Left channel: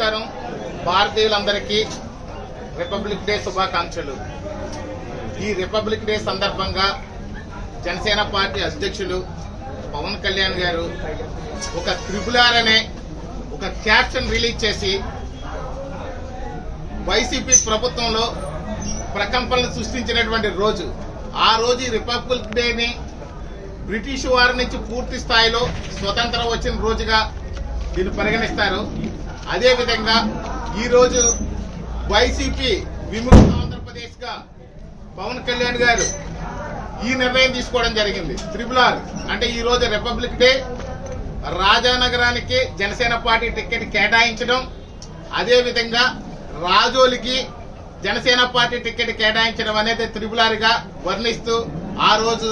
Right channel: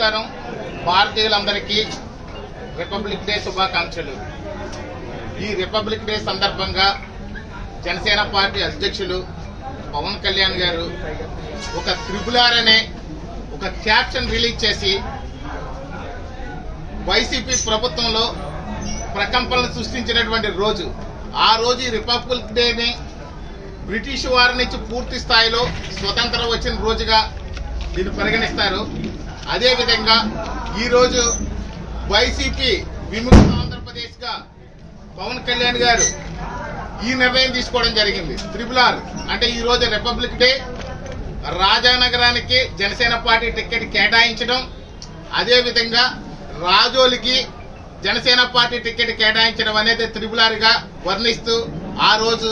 నమస్కారం. భారతీయులందరికీ republic day శుభాకాంక్షలు. ఈ రిపబ్లిక్ డే సందర్భంగా జనసేన పార్టీ అధ్యక్షులు పవన్ కళ్యాణ్ గారు ఒక త్రిపుల్-ఆర్ అనే ఒక క్యాప్షన్ రిలీజ్ చేసి వైసీపీ ప్రభుత్వంలో ప్రకంపనలు సృష్టించినటువంటి రోజు. ఆ రోజు ఈ రిపబ్లిక్ డేని బ్రిటిష్ వారి నుంచి పూర్తి స్థాయిలో స్వతంత్రం వచ్చిన రోజుగా దీన్ని పరిగణిస్తారు. అదేవిధంగా ఈరోజు వైసీపీ విముక్త ఆంధ్రప్రదేశ్ గా పవన్ కళ్యాణ్ గారు ఈ నిర్ణయం తీసుకోవడం జరిగింది. త్రిపుల్-ఆర్ అంటే ఈ రోజు రిపబ్లిక్ డే, రాజానగరానికి జనసేన పార్టీ టికెట్ కేటాయించడం, అదేవిధంగా రాజోలికి జనసేన పార్టీ టికెట్ కేటాయించడం అనేది త్రిపుల్-ఆర్ గా వర్ణిస్తూ ఆ రోజు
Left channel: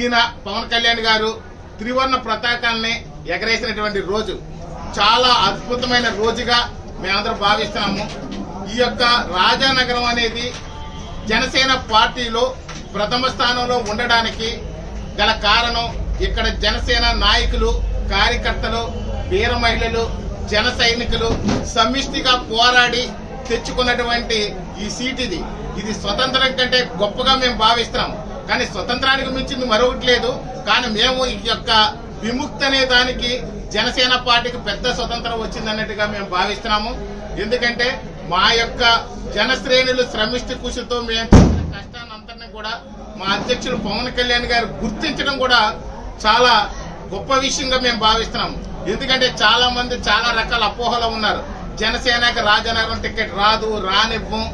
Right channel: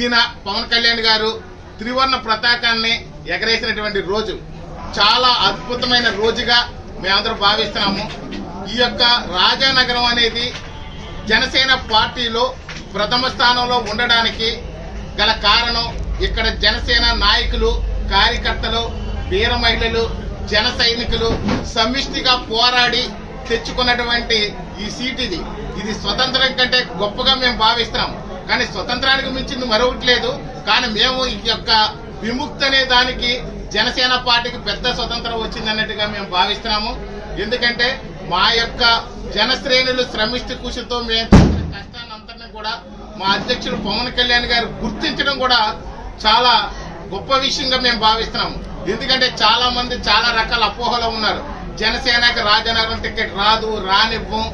ఈయన పవన్ కళ్యాణ్ గారు త్రివర్ణ పతాకాన్ని ఎగరేసినటువంటి రోజు. చాలా అద్భుతమైన రోజుగా మేమందరం భావిస్తున్నాము. ఈ యొక్క రాజానగరం అనేది జనసేన పార్టీలో ప్రథమ స్థానంలో ఉండడానికి గల కారణం ఇక్కడ జనసేన నాయకులు, కార్యకర్తలు, వీర మహిళలు, జన సైనికులు సమిష్టిగా పోరాడి తెచ్చుకున్నటువంటి ఈ సీట్. ఇది స్వతంత్రం కంటే గొప్పగా మేము భావిస్తున్నాం. కానీ స్వతంత్రానికి మించింది మరొకటి లేదు. కానీ మేము ఈ యొక్క విముక్తి అనే దానికి జనసేన పార్టీకి పెద్ద స్వతంత్రం వచ్చిందన్నట్టుగా మేము భావిస్తున్నాము. ఎందుకంటే మా యొక్క జనశ్రేణులు శ్రమిష్టి కృషితో మేము చేసిన కష్టాన్ని అంతటినీ కూడా మా అధ్యక్షులు పవన్ కళ్యాణ్ గారు గుర్తించడం కూడా చాలా గొప్ప విషయంగా మేము భావిస్తున్నాము. ఎందుకంటే చాలా మంది చాలా రకాల అపోహలు ఉన్నారు. జనసేనకి రాజానగరం టికెట్ రాదు, రానివ్వం,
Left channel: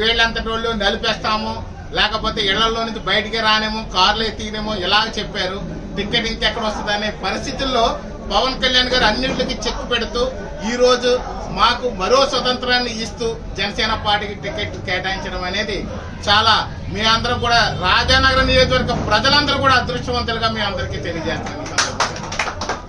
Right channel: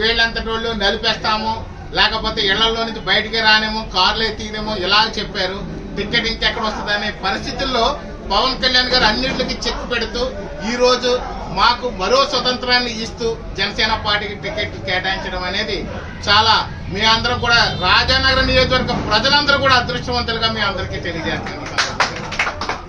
వీళ్ళంతటి వాళ్ళు నలిపేస్తాము, లేకపోతే ఇళ్లలో నుంచి బయటికి రానేమో, కార్లే తీయనేమో ఇలా చెప్పారు. టికెట్ ఇంకెక్కడ వస్తుందనే పరిస్థితుల్లో పవన్ కళ్యాణ్ గారు అన్నింటికి చెక్ పెడుతూ ఈ రోజు మాకు మరో స్వతంత్రాన్ని ఇస్తూ జనసేన పార్టీకి టికెట్ కేటాయించడం అనేది చాలా మీ అందరం కూడా రాజానగరం నియోజకవర్గ ప్రజలందరూ కూడా అదృష్టవంతులుగా మీ అందరికీ తెలియజేస్తున్నాం.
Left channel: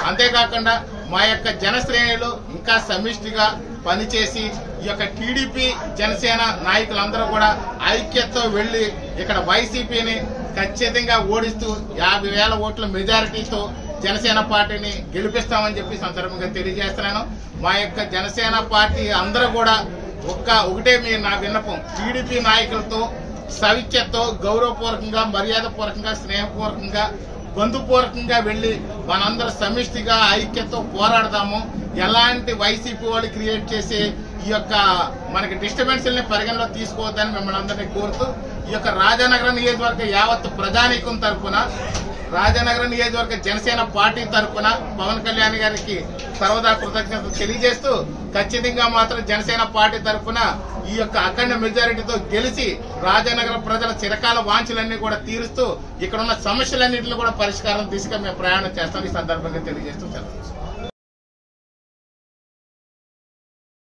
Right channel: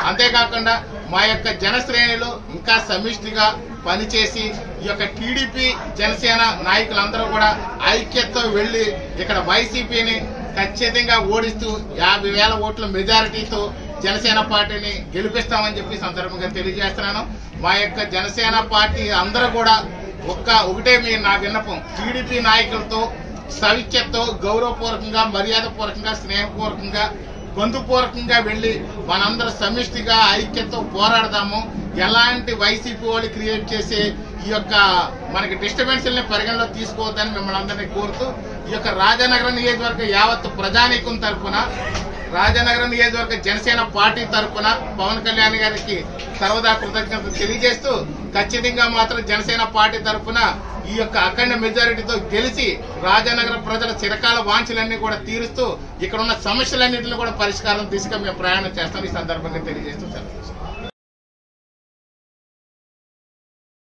అంతేకాకుండా మా యొక్క జనశ్రేణులు ఇంకా సమిష్టిగా పనిచేసి ఈ యొక్క టీడీపీ జనసేన నాయకులందరూ కూడా ఐక్యతతో వెళ్లి ఇక్కడ వైసీపీని ఖచ్చితంగా ఓడిస్తూ 50,000 ఓట్ల మెజారిటీతో జనసేన పార్టీని గెలిపిస్తామని చెప్పి సందర్భంగా తెలియజేస్తున్నాను. మా యొక్క జనసేన పార్టీ అందరూ కూడా ఒకటే నా విన్నపం, టీడీపీ నాయకులతో సవిఖ్యతో గౌరవపూర్వకంగా, మర్యాదపూర్వకంగా, స్నేహపూర్వకంగా, బంధుపూర్వకంగా వెళ్లి మనందరూ సమిష్టిగా ఐక్యతతో పోరాడదాము. ఎలాంటి వైసీపీ వాళ్ళు క్రియేట్ చేసి ఈ యొక్క మనకి డిస్టర్బెన్స్ని పరిగణలో తీసుకోవద్దని మిమ్మల్ని అందరినీ కోరుతూ ఈ యొక్క రాజానగరం నియోజకవర్గ యావత్ ప్రజానీకం తరఫున, రాజానగరం నియోజకవర్గ జనసేన పార్టీ తరఫున పవన్ కళ్యాణ్ గారికి సర్వదా కృతజ్ఞతలు తెలియజేస్తూ ఖచ్చితంగా మాత్రం జనసేన పార్టీ తరఫున ఈ యొక్క అఖండ మెజారిటీతో గెలిచి రాజానగరం ప్రజల చిరకాల వాంఛలన్నీ కూడా తీరుస్తూ ఇక్కడ ఉన్న సమస్యలన్నింటినీ కూడా పరిష్కారం దిశగా మేము ప్రయాణం చేస్తాం. ఈ సందర్భంగా తెలియజేస్తూ సెలవు.